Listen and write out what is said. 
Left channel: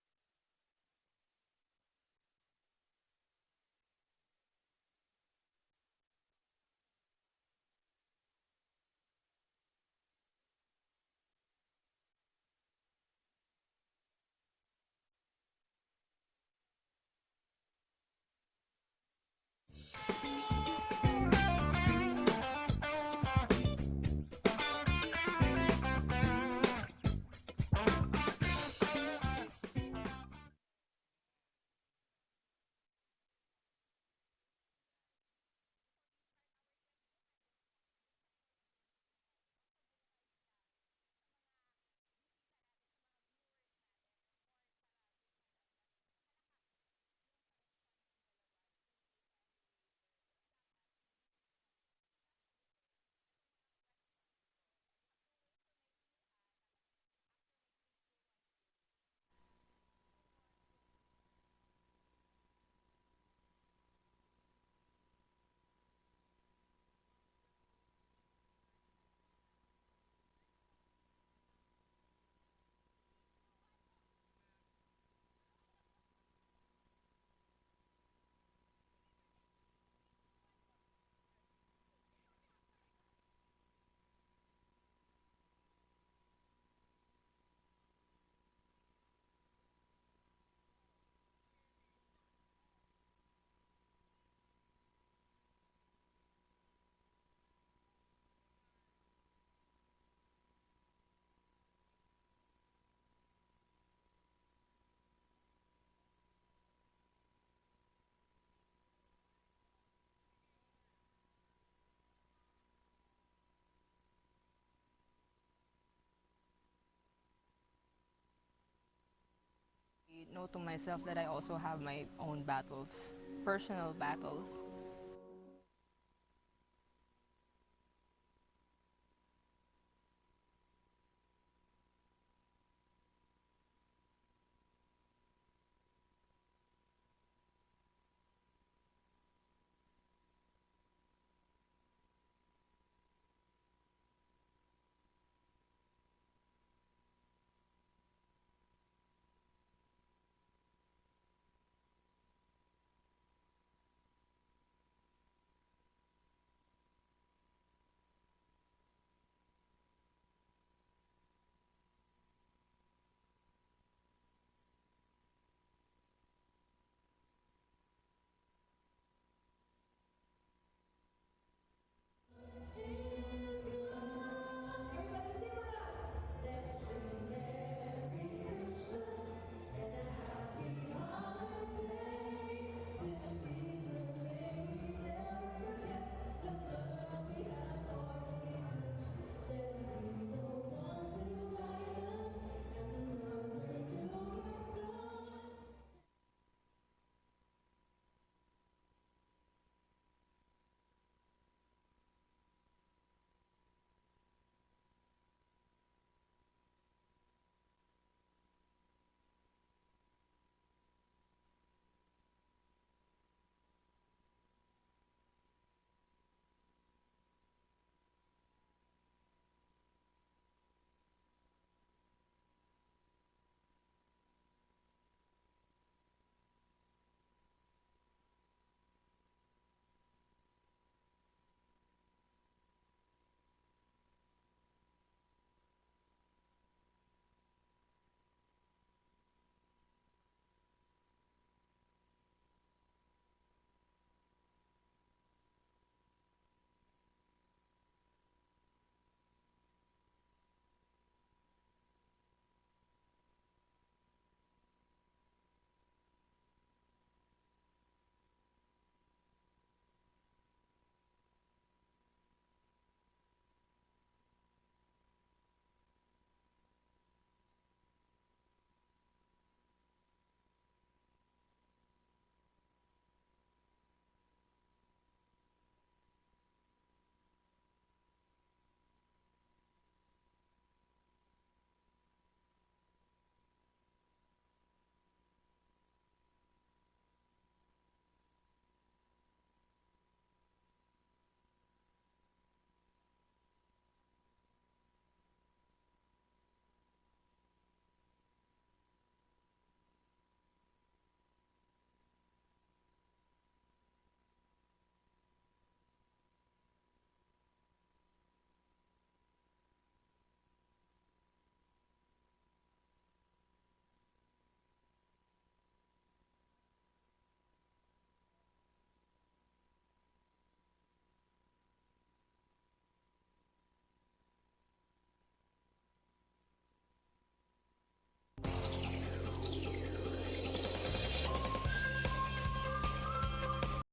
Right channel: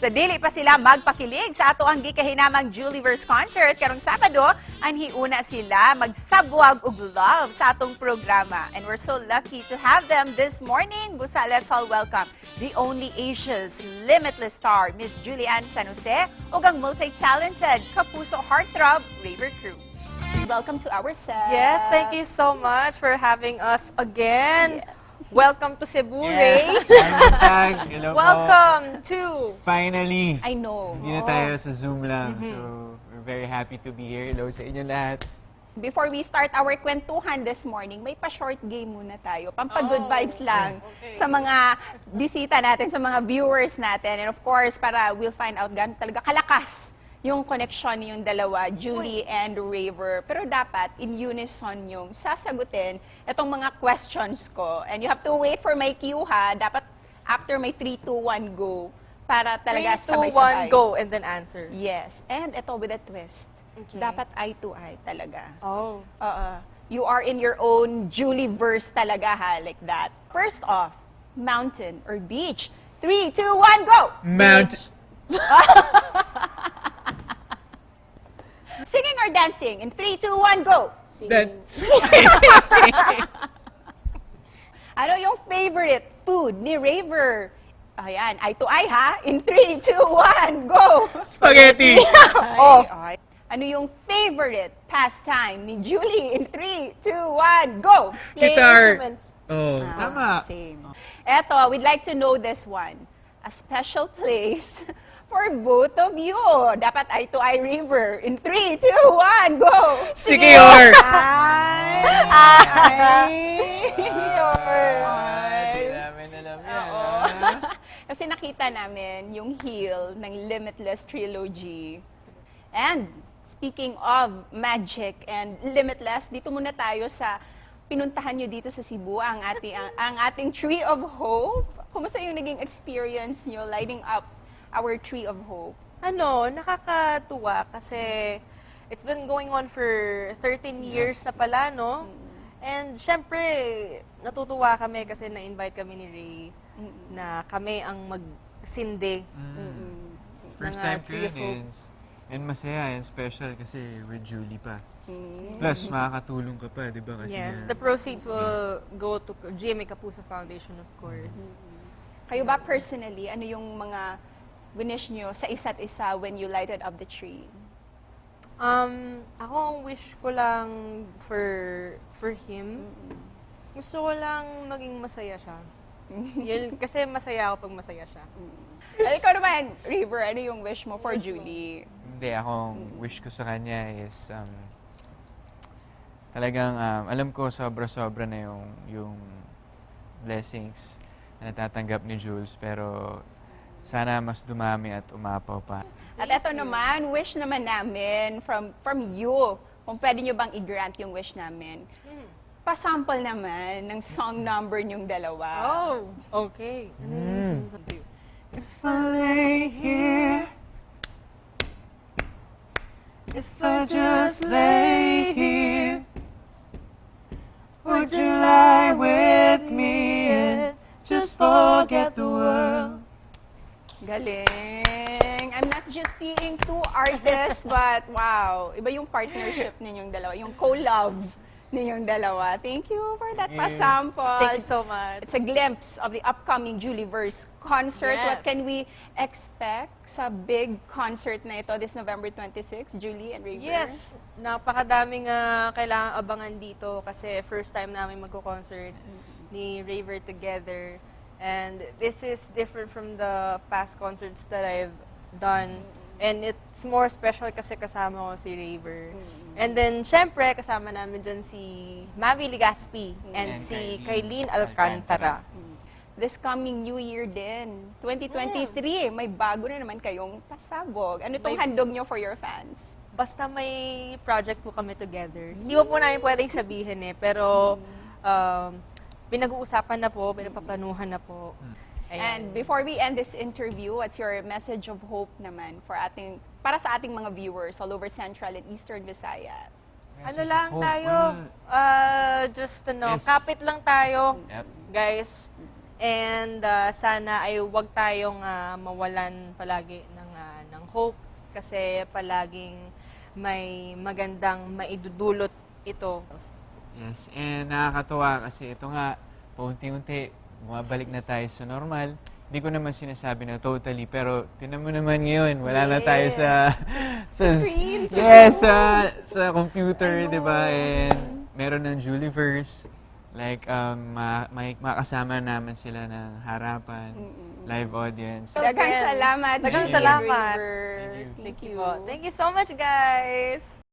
Sa dili pa sila magpakilig sa ato ang gikahinamang JulieVerse concert karong Sabado, anhiuna sila magsabwag og love sa atong programa. And we're so lucky to have them this morning. Busa, let's all welcome the only Asia's Limitless Star, Miss Julianne San Jose, ug ang multi-talented Kapuso Heartthrob, Rayver Cruz. Welcome to our set. Yes, thank you so much for having us again. Welcome to Cebu, Ray. Thanks. Hello Welcome to... Finally! I know. Hindi na tayo sa Zoom lang. So, we're very happy to be here. Hello sa inyo lahat. Before we start our kwentuhan this morning, may pa-short game muna tayo. Pampa-good vibes lang sa mga bisita natin, sa mga viewers natin. And of course, para we'll find out gan talaga kalakas yung connection niyong dalawa, Julie and Rayver. Pero dapat in unison yung sasagutin itong mga questions ko. And you have to wait for my cue, ha? Dapat after my 3, 2, 1, go. Para talaga 3, 2, sabay-sabay. 1, go, and then answer. Yes. And ito with a twist. Okay. Dapat eye to eye talaga. Oh. You are in your own JulieVerse talaga, ha? Like that. First off, mountain or beach. 3, 2, 1, go! Mount! Singing or dancing? In 3, 2, 1, go! That's... Ano yung favorite food ni Rayver? Ayan, eye to eye, ha? In 3, 2, 1, go! Spaghetti! Oh. Ano yung favorite pastime ni Julie? In 3, 2, 1, go! Play Guitar. instruments. Oh, tama. Same. Eto, we'd like to know this one. A special place for both of you. Dapat eye to eye, Rayver. In 3, 2, 1, go! Sikiyor! Ay! Ay! Hindi namin alam yan. Kasi nakita namin yung heel ng Limitless Trilogy. And speaking of magic and limitless, dito muna tayo sa pinuntahan nyo dito sa Cebu, ang ating Tree of Hope. Kumusta yung naging experience nyo lighting up our Tree of Hope? Ano, nakakatuwa kasi it's been going on for 13 years na pala, no? And syempre, natutuwa kami kasi na-invite kami ni Ray na kami ang magsindi. First Mga time ko Tree yun of Hope. and masaya and special kasi with Julie pa. Plus, makakatulong ka pa, di ba? Kasi Yes, nga- the proceeds will go to GMA Kapuso Foundation, of course. Kayo ba personally, ano yung mga winish nyo sa isa't isa when you lighted up the tree? Ako ang wish ko lang for him, gusto ko lang maging masaya siya. Yun, kasi masaya ako pag masaya siya. Ikaw naman, Rayver, ano yung wish mo for Julie? Hindi, ako, wish ko sa kanya is, talagang, alam ko sobra-sobra na yung blessings na natatanggap ni Jules, pero sana mas dumami at umapaw pa. At eto naman, wish naman namin from you, kung pwede nyo bang i-grant yung wish namin. Pasample naman ng song number nyong dalawa. Oh, okay. If I lay here, if I just lay here, would you lie with me and just forget the world? Galing! I'm not just seeing two artists, but wow, iba yung partnership ninyong dalawa, yung co-love ninyong dalawa. Thank you for that pasample. Thank you so much. It's a glimpse of the upcoming JulieVerse concert. Yes. What can we expect sa big concert na ito this November 26, Julie and Rayver? Yes, napakadaming kailangan abangan dito kasi first time namin magko-concert ni Rayver together. And this is different from the past concerts that I've done. And it's more special kasi kasama ko si Rayver. And then, syempre, kasama namin dyan si Mavi Ligaspi and si Kailin Alcantara. This coming New Year din, 2023, may bago na naman kayong pasabog. Ano itong handog nyo for your fans? Basta may project po kami together. Hindi po namin pwedeng sabihin pero pinag-uusapan na po, pinapaplanuhan na po. Ayan. And before we end this interview, what's your message of hope naman para sa ating mga viewers all over Central and Eastern Visayas? Ano lang tayo, just Yes. kapit lang tayo, Yep. guys. And sana ay huwag tayong mawalan palagi ng hope kasi palaging may magandang maidudulot ito. Yes, and nakakatuwa kasi ito nga, paunti-unti, bumabalik na tayo sa normal. Hindi ko naman sinasabi na totally, pero tinan mo naman ngayon, wala na tayo sa screen, yes, sa computer, di ba? And meron ng JulieVerse. Like, makasama naman sila ng harapan, live audience. Daghang salamat. Daghang Julie. salamat. Thank you so much, guys.